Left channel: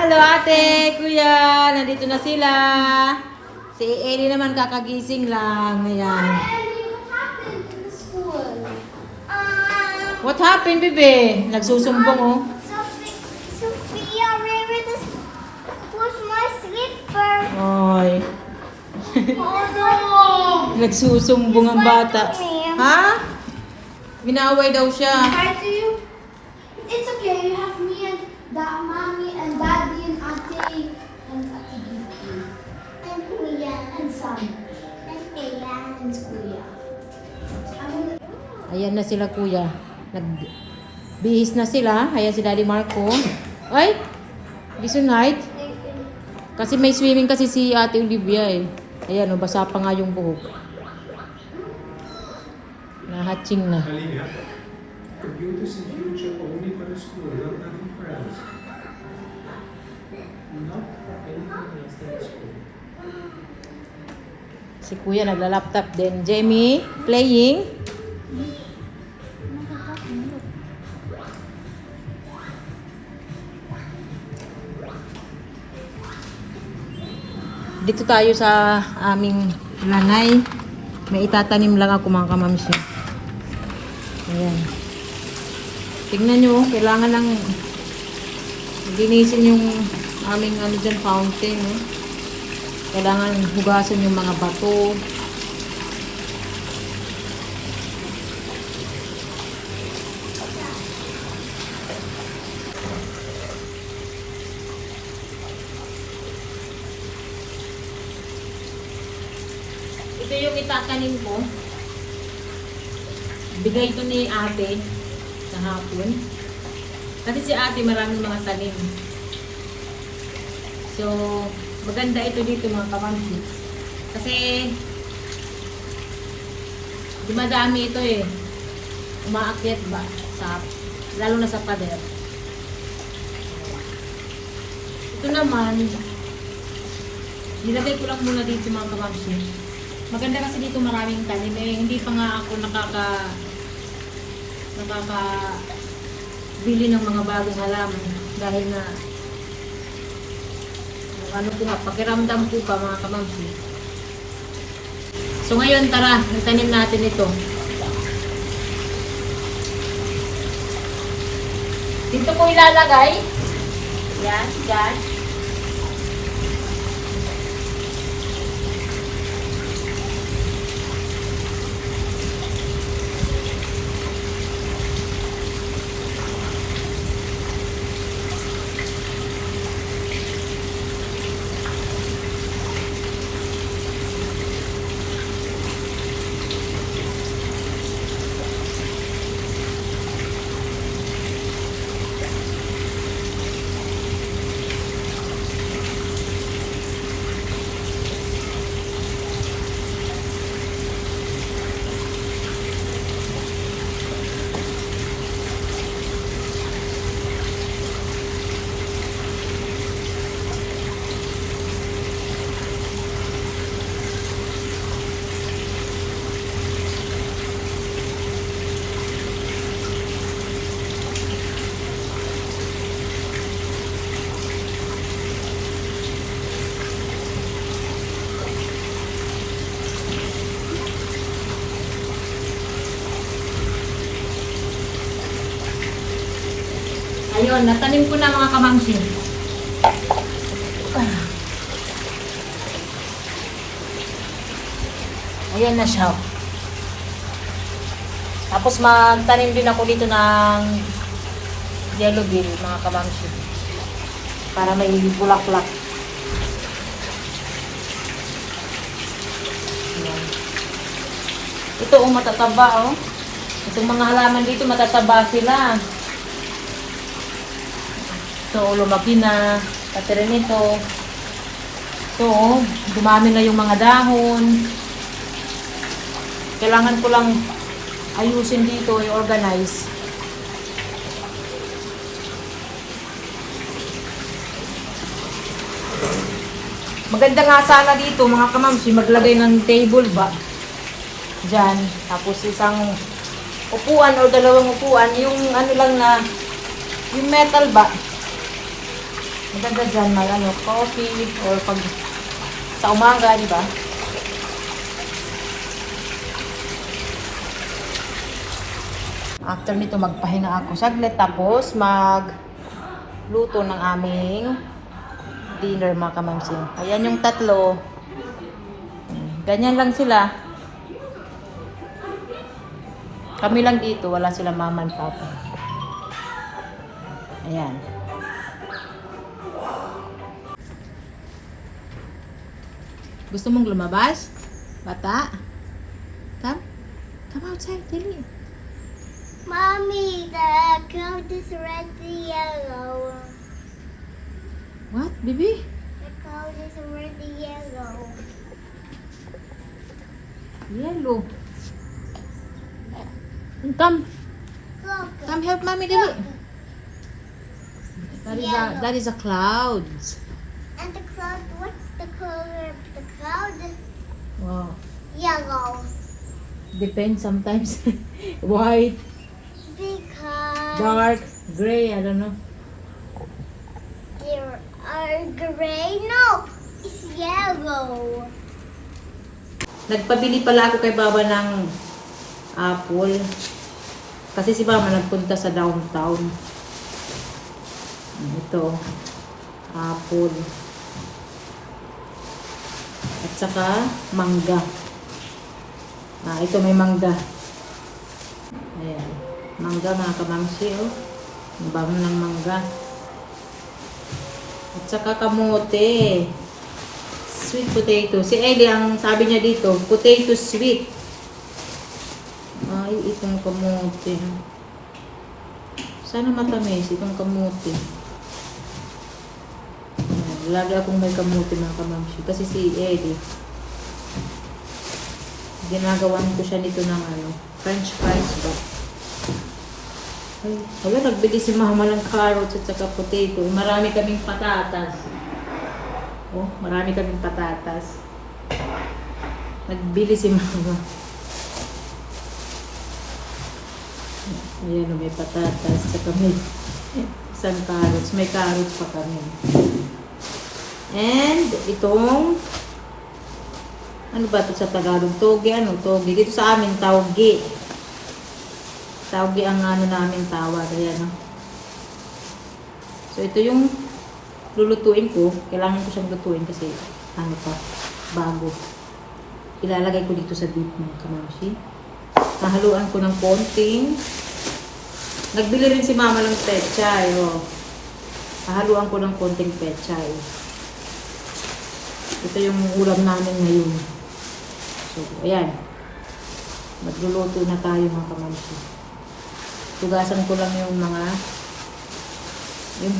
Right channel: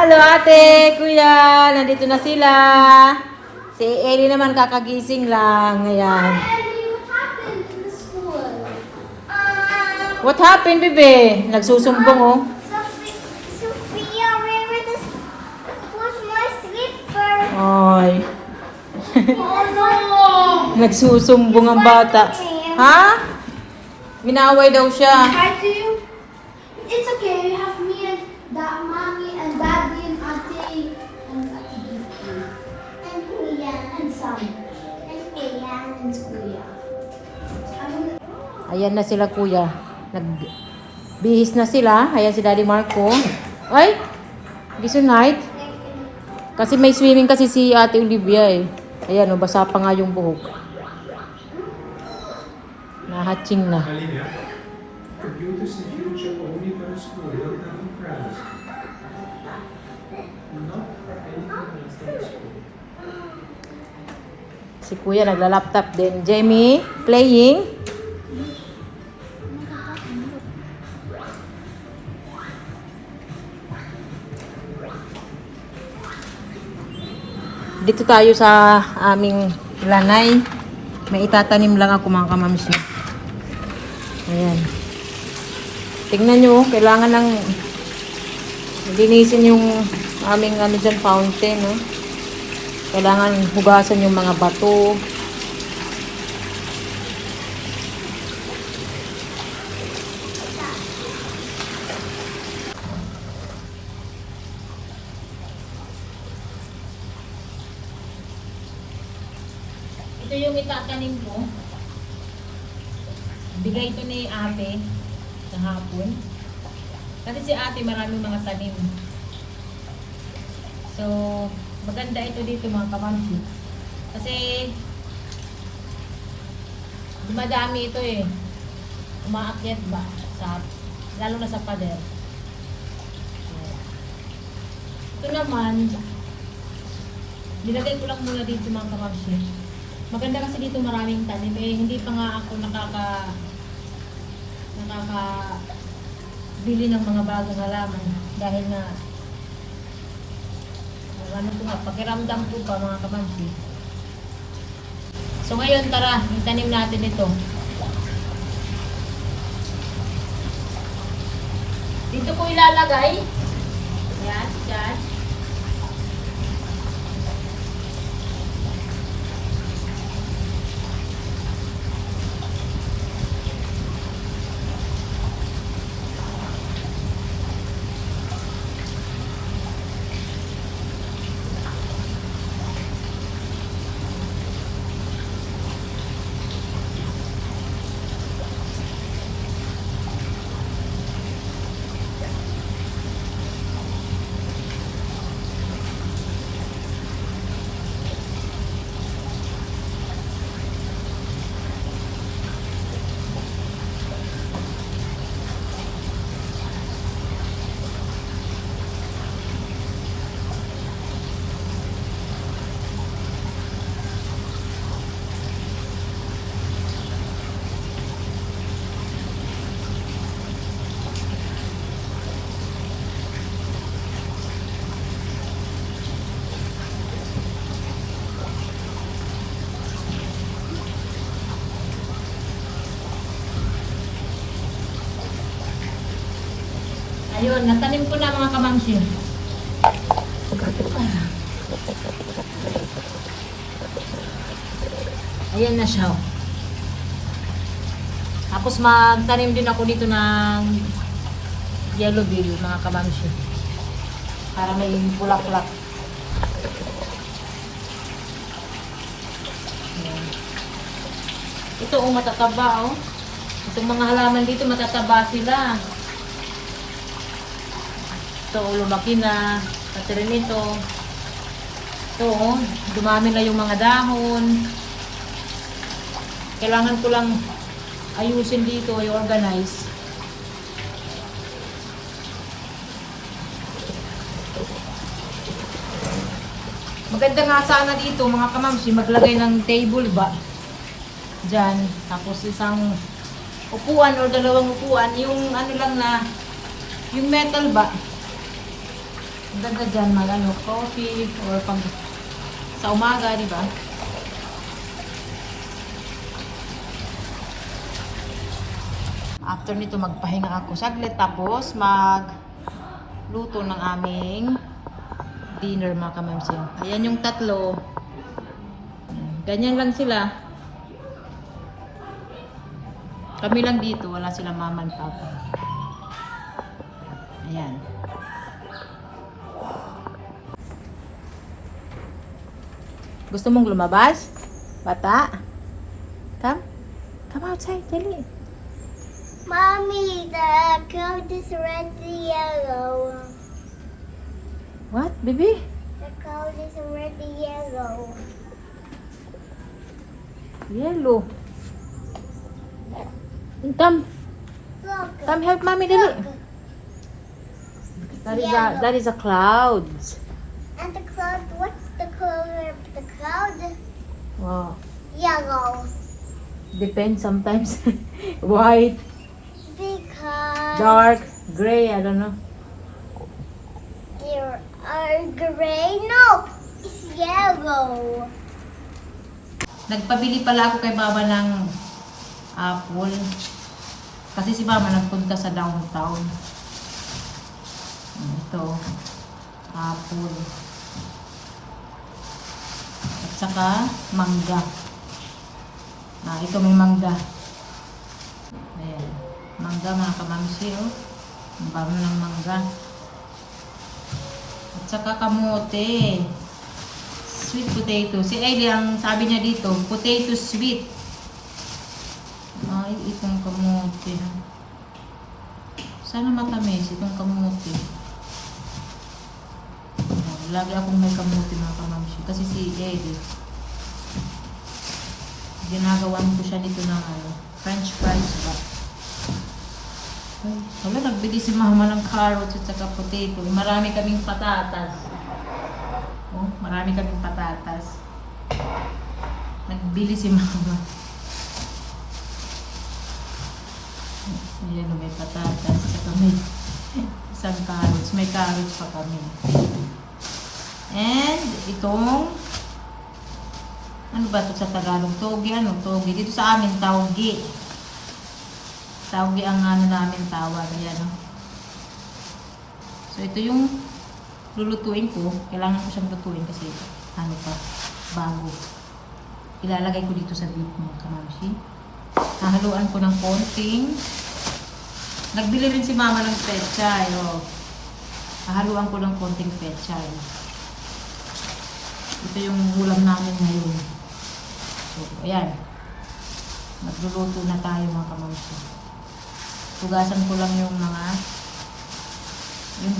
Halo ate, kuya, nandito na sila. Si Ellie naman kakagising lang. Ayan. What happened, bebe? Nagsusumbong oh. Sophia, where this was my slipper. Ay. Oh no! Nagsusumbong ang bata. Ha? Minaway daw siya. Hi to you. It's okay. You have me and mommy and daddy and auntie and and kuya and son and kuya and kuya. Ayan na sila kuya. Nagbihis na sila. Ayan si Daddy Marco. Ay! This night. Kasi may swimming kasi si Ate Olivia eh. Ayan o, basa pa nga yung buhok. Nahatching na. Alina, computers in future only for school, not nothing else. Not for anything else than school. Si kuya nagla-laptop din. Jamie, playing. Dito tayo sa aming lanay. May itatanim lang ako mga kamamsi. Ayan. Tingnan nyo, kailangan ng linisin yung aming ano dyan, fountain. No? Kailangan hugasan yung mga bato. Ito yung itatanim ko. Bigay ito ni ate sa hapon. Kasi si ate maraming mga tanim. So, maganda ito dito mga kamamsi. Kasi, dumadami ito eh. Umaakyat ba? Lalo na sa pader. Ito naman, nilagay ko lang muna dito mga kamamsi. Maganda kasi dito maraming tanim eh. Hindi pa nga ako bili ng mga bagong halaman dahil na ano ko nga, pakiramdam ko pa mga kamamsi. So ngayon tara, nagtanim natin ito. Dito ko ilalagay. Yan, dyan. Ayun, natanim ko na mga kamamsi. Ayan na siya. Tapos magtanim din ako dito ng yellow bean mga kamamsi. Para may bulak-bulak. Ayan. Ito ang matataba oh. Itong mga halaman dito matataba sila. So, lumaki na. Pati rin ito. So, dumami na yung mga dahon. Kailangan ko lang ayusin dito, i-organize. Maganda nga sana dito, mga kamamsi, maglagay ng table ba? Diyan. Tapos isang upuan o dalawang upuan. Yung ano lang na, yung metal ba? Maganda dyan, ano, coffee or pag sa umaga, di ba? After nito, magpahinga ako saglit tapos magluto ng aming dinner mga kamamsi. Ayan yung tatlo. Ganyan lang sila. Kami lang dito, wala sila mama and papa. Ayan. Gusto mong lumabas? Bata? Come? Come outside, dali. Mommy, the cloud is red and yellow. What, baby? The cloud is red and yellow. Yellow. Come. Look. Come help mommy, dali. That is a cloud. And the cloud, what's the color of the cloud? Wow. Yellow. Depends sometimes. White, Because dark, gray, I don't know. there are gray. No, it's yellow. Nagpabili pala ako kay Baba ng apple. Kasi si Mama nagpunta sa downtown. Ito, apple. At saka mangga. Ito may mangga. Ayan. Mangga mga kamamsi, oh. Ang bango ng mangga. At saka kamote. Sweet potato. Si Ellie, ang sabi niya dito, potato sweet. Ay, itong kamote. Sana matamis itong kamote. Ayan, lagi akong may kamote mga kamamsi. Kasi si Ellie, ginagawan ko siya nito ng French fries ba? Ay, wala, nagbili si Mama ng carrots at saka potato. Marami kaming patatas. Oh, marami kaming patatas. Nagbili si Mama. Ayan, may patatas. Saka may isang carrots. May carrots pa kami. And itong ano ba ito sa Tagalog? Toge, toge. Dito sa amin, tawgi. Tawgi ang namin tawag. Ayan, no? So, ito yung lulutuin ko. Kailangan ko siyang lutuin kasi, bago. Ilalagay ko dito sa beef mga kamamsi. Nahaluan ko ng konting. Nagbili rin si Mama ng pechay. Oh. Nahaluan ko ng konting pechay. Ito yung ulam namin ngayon. So, ayan. Magluluto na tayo mga kamamsi. Tugasan ko lang yung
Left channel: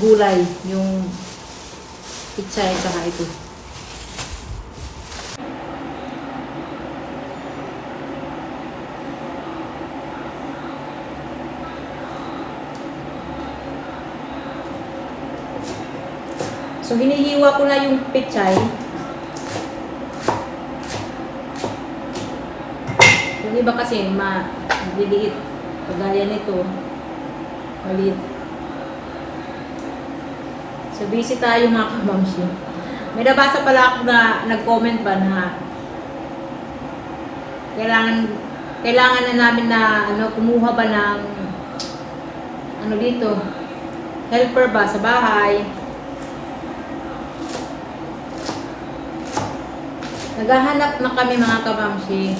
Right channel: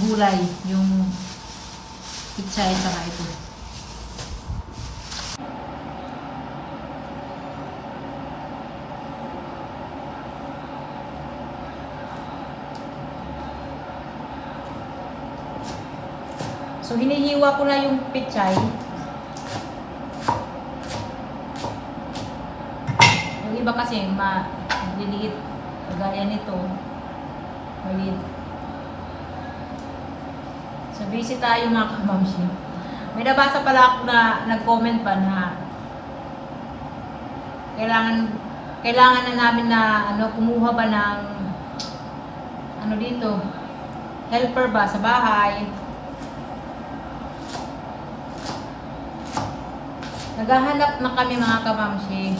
gulay, yung pichay, saka ito. So, hinihiwa ko na yung pichay. Yung iba kasi maliliit. Kagaya nito. Maliit. So, busy tayo mga kamamsi. May nabasa pala ako na nag-comment ba na kailangan na namin na kumuha ba ng dito helper ba sa bahay. Naghahanap na kami mga kamamsi.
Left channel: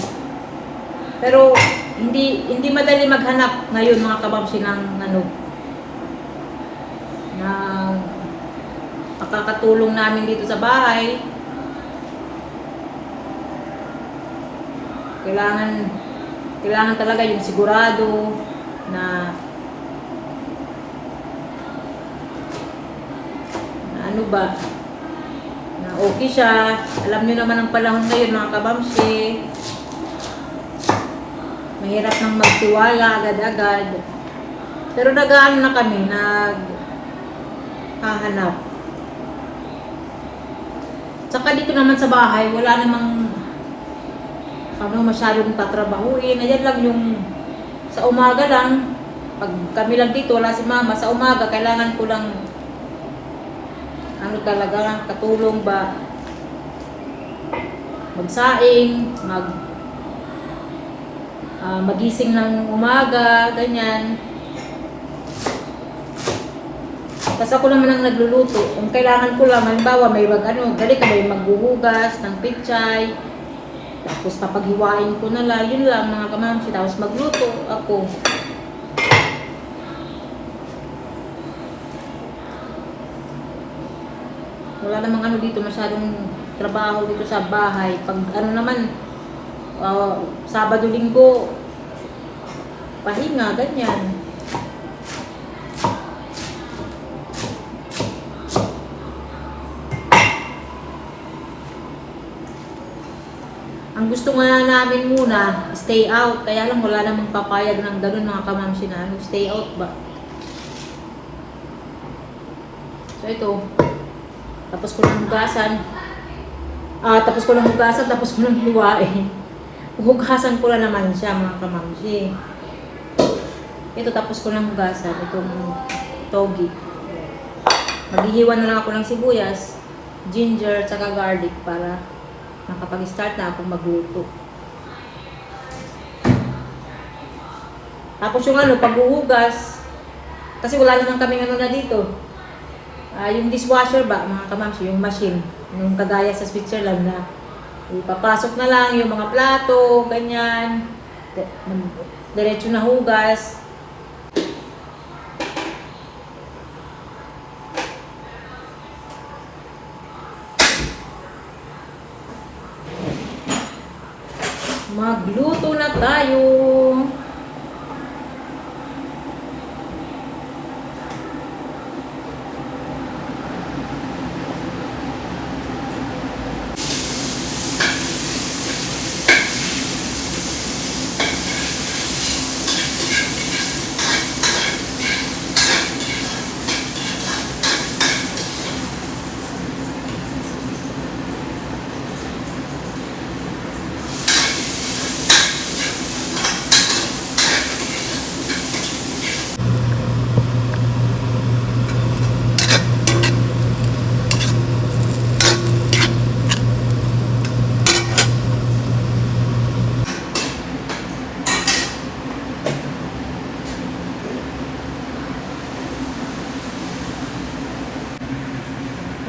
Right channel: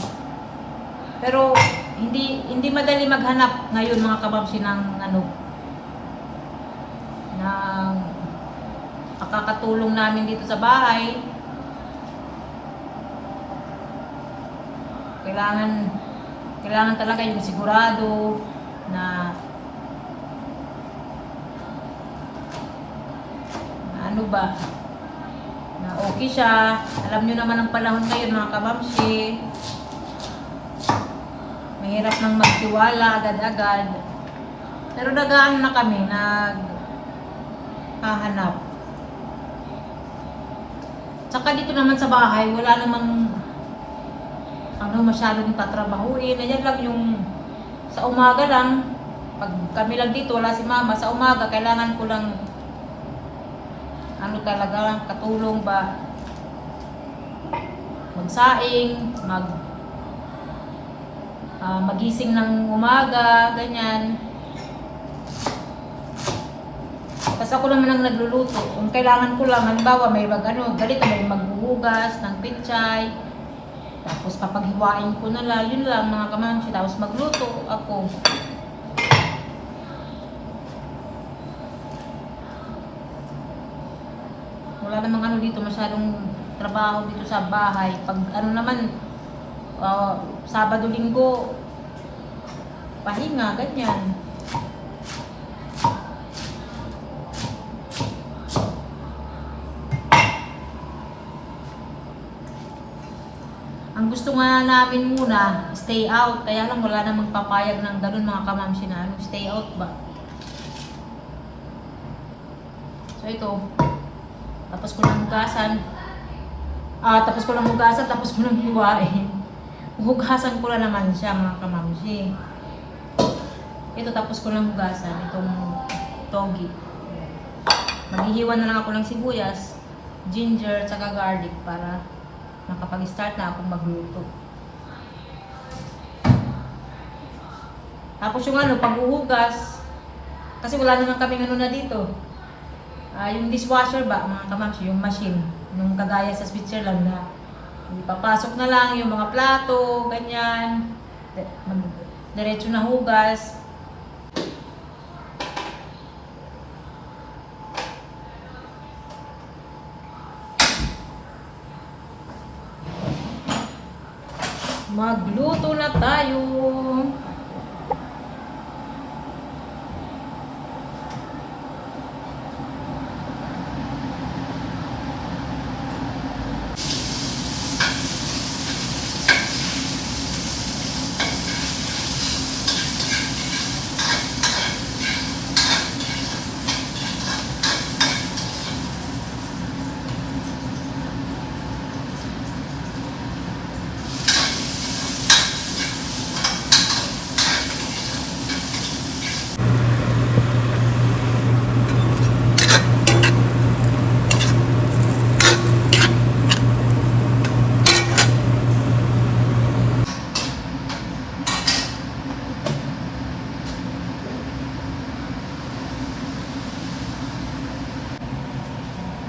Pero hindi madali maghanap ngayon mga kabamsi ng ng makakatulong namin dito sa bahay. Kailangan talaga yung sigurado na ano ba na okay siya. Alam niyo naman ang panahon ngayon mga kabamsi. Mahirap nang magtiwala agad-agad. Pero nag-aano na kami, naghahanap. Tsaka dito naman sa bahay, wala namang masyadong tatrabahuin. Ayan lang yung sa umaga lang. Pag kami lang dito, wala si Mama. Sa umaga, kailangan ko lang ano talaga, katulong ba magsaing, magising ng umaga, ganyan. Tapos ako naman ang nagluluto. Kung kailangan ko lang, halimbawa may dali ka may maghuhugas ng pichay. Tapos papaghiwain ko na lang, yun lang mga kamamsi. Tapos magluto ako. Wala namang ano dito, masyadong trabaho dito sa bahay. Pag ano naman, Sabado, Linggo, pahinga, ganyan. Ang gusto nga namin muna, stay out. Kaya lang wala namang papayag ng ganun mga kamamsi na stay out ba. So ito, tapos ko ng hugasan. Tapos ko ng hugasan, tapos ko ng hiwain. Hugasan ko na naman siya mga kamamsi. Ito tapos ko ng hugasan, itong togi. Maghihiwa na lang ako ng sibuyas, ginger, tsaka garlic para makapag-start na akong magluto. Tapos yung paghuhugas, kasi wala naman kaming na dito. Yung dishwasher ba, mga kamamsi, yung machine, yung kagaya sa Switzerland na ipapasok na lang yung mga plato, ganyan, diretso na hugas. Magluto na tayo.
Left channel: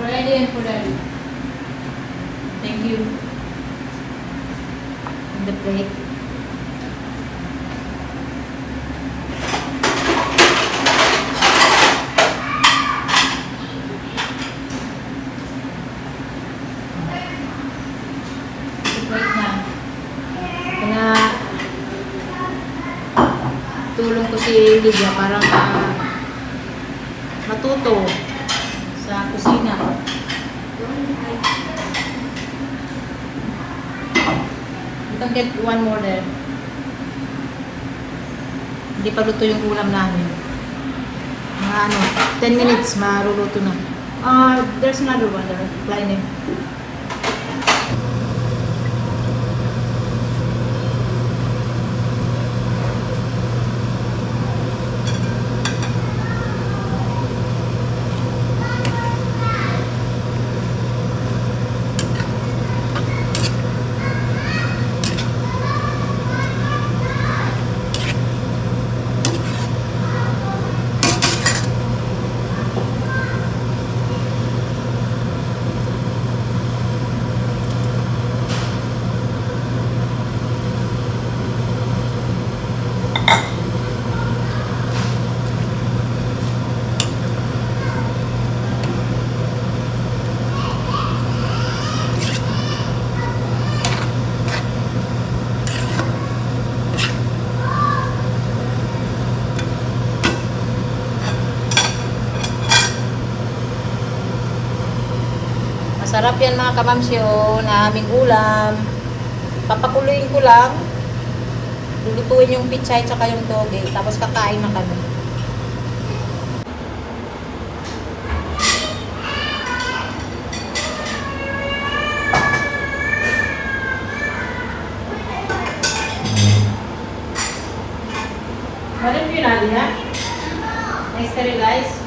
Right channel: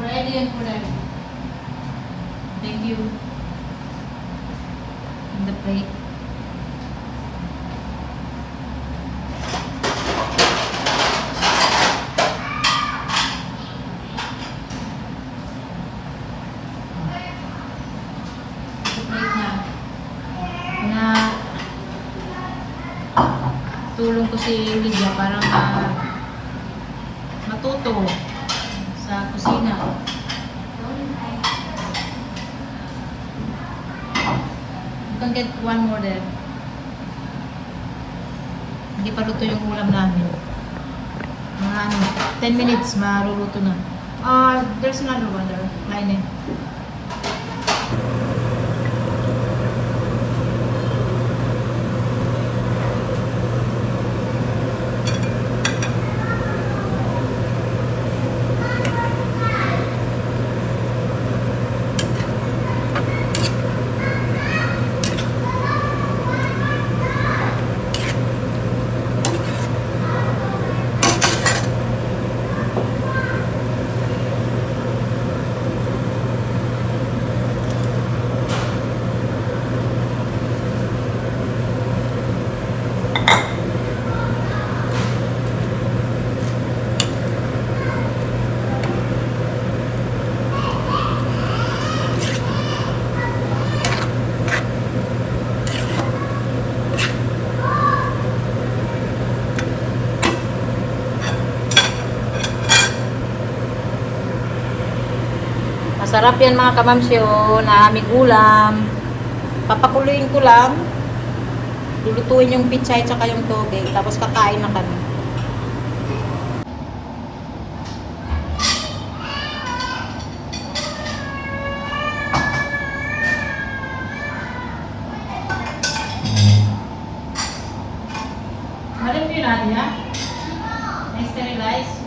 Ready and ready. Thank you. In the plate. Plate na. Kaya tulong ko si Lydia para matuto sa kusina. You can get one more there. Hindi pa luto yung ulam namin. Mga 10 minutes, maluluto na. There's another one there. Klein eh. Masarap yan mga kamamsyo na aming ulam. Papakuluin ko lang. Lulutuin yung pichay tsaka yung tubig. Tapos kakain na kami. Balik yun natin ha? Na-sterilize?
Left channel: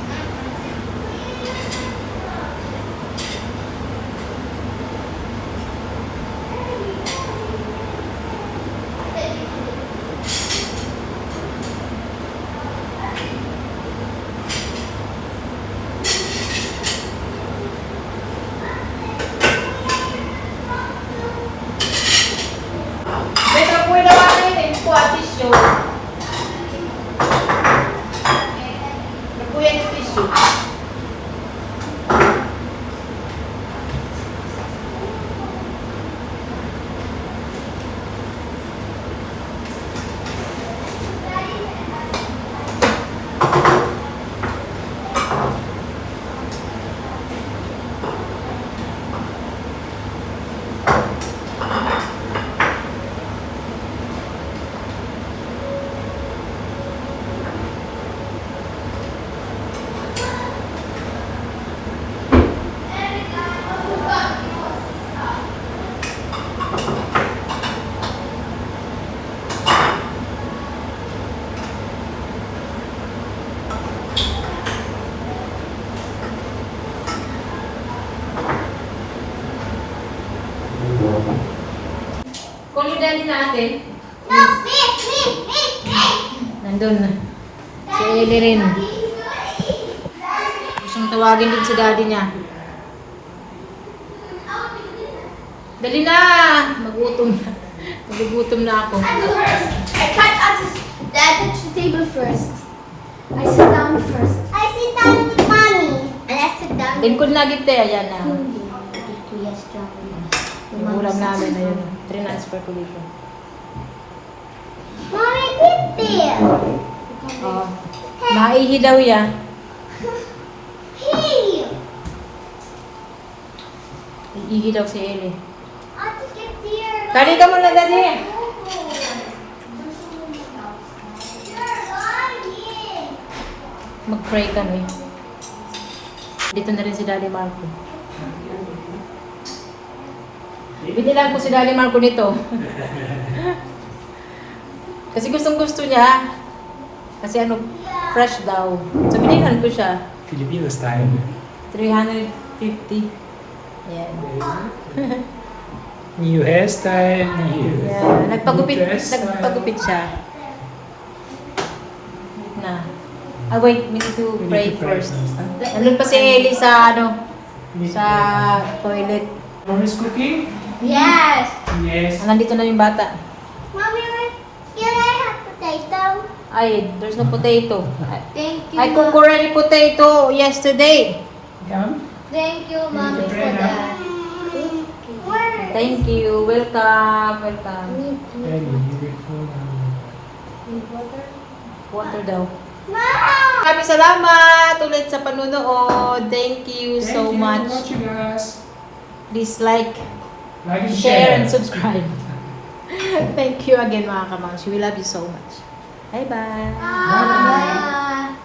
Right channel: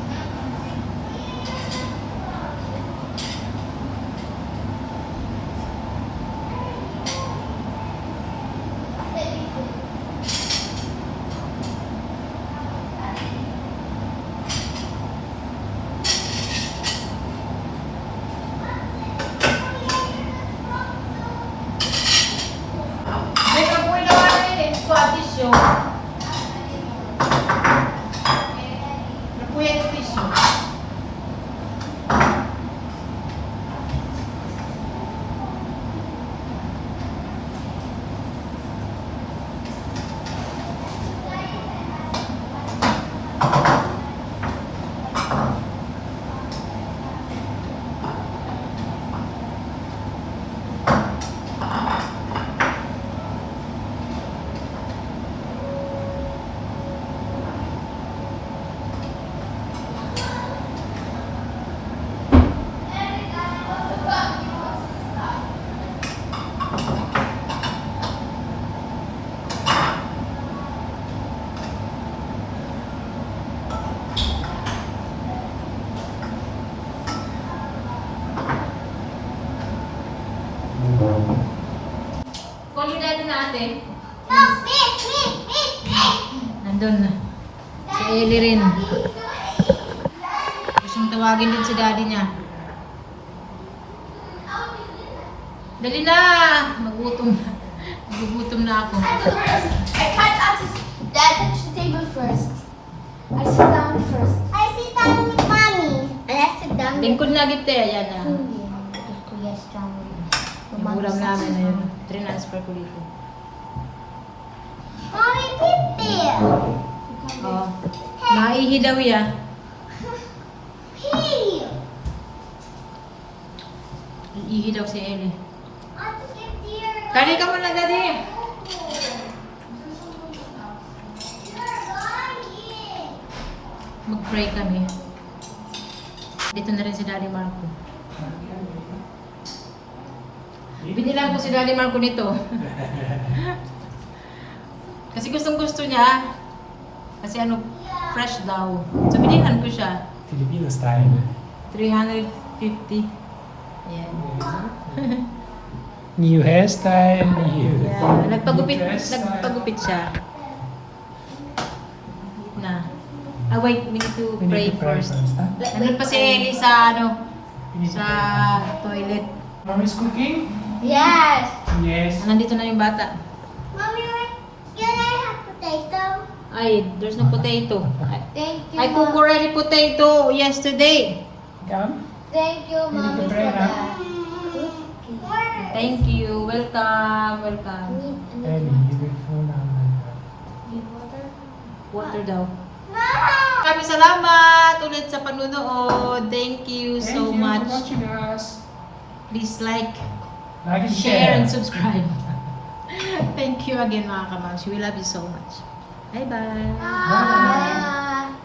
din na ate. No, me. Nandun na. Si Ellie rin. Gustong tawagin din si daddy niya. Dali na! Magutom na. Magugutom na ako. I can't touch the table first. I sit down first. I sit down with mommy. And I sit down with Tingkod na gite. Ayan na. Kuya Strong. Ulam namin yun. Transfer ko dito. Mommy, Pipi. Oo. Naihi daw yan. Hey. Ihi daw si Ellie. I'll just get here. Kali ka muna, daddy. Mag-pray kami. Dito na rin si Daddy Marco. Binilan ko si Daddy Marco nito. Kasi gustong gusto niya. Kasi ano, fresh daw. So binilan ko siya. Filipino style. 350. Ayan. New hairstyle. New. Yeah. Nagpagupit Nagpagupit siya. Na. Ah, wait, we need to pray first. Nandun pa si Ellie sa ano, sa toilet. Mommy's cooking? Yes. Yes. Nandito na yung bata. Mommy, can I have potato? Ay, there's no potato. Thank you. I cooked already potato yesterday. Come. Thank you, Mommy, mommy, for for that. that. Thank you. Welcome. Welcome. Ellie, you will fall down. Water daw. Mom! Maraming salamat ulit sa panunood. Thank you Thank so you much. for watching us. Please like, Like and share, share. and subscribe. Thank you again mga kamams. We love you so much. Bye-bye. Bye.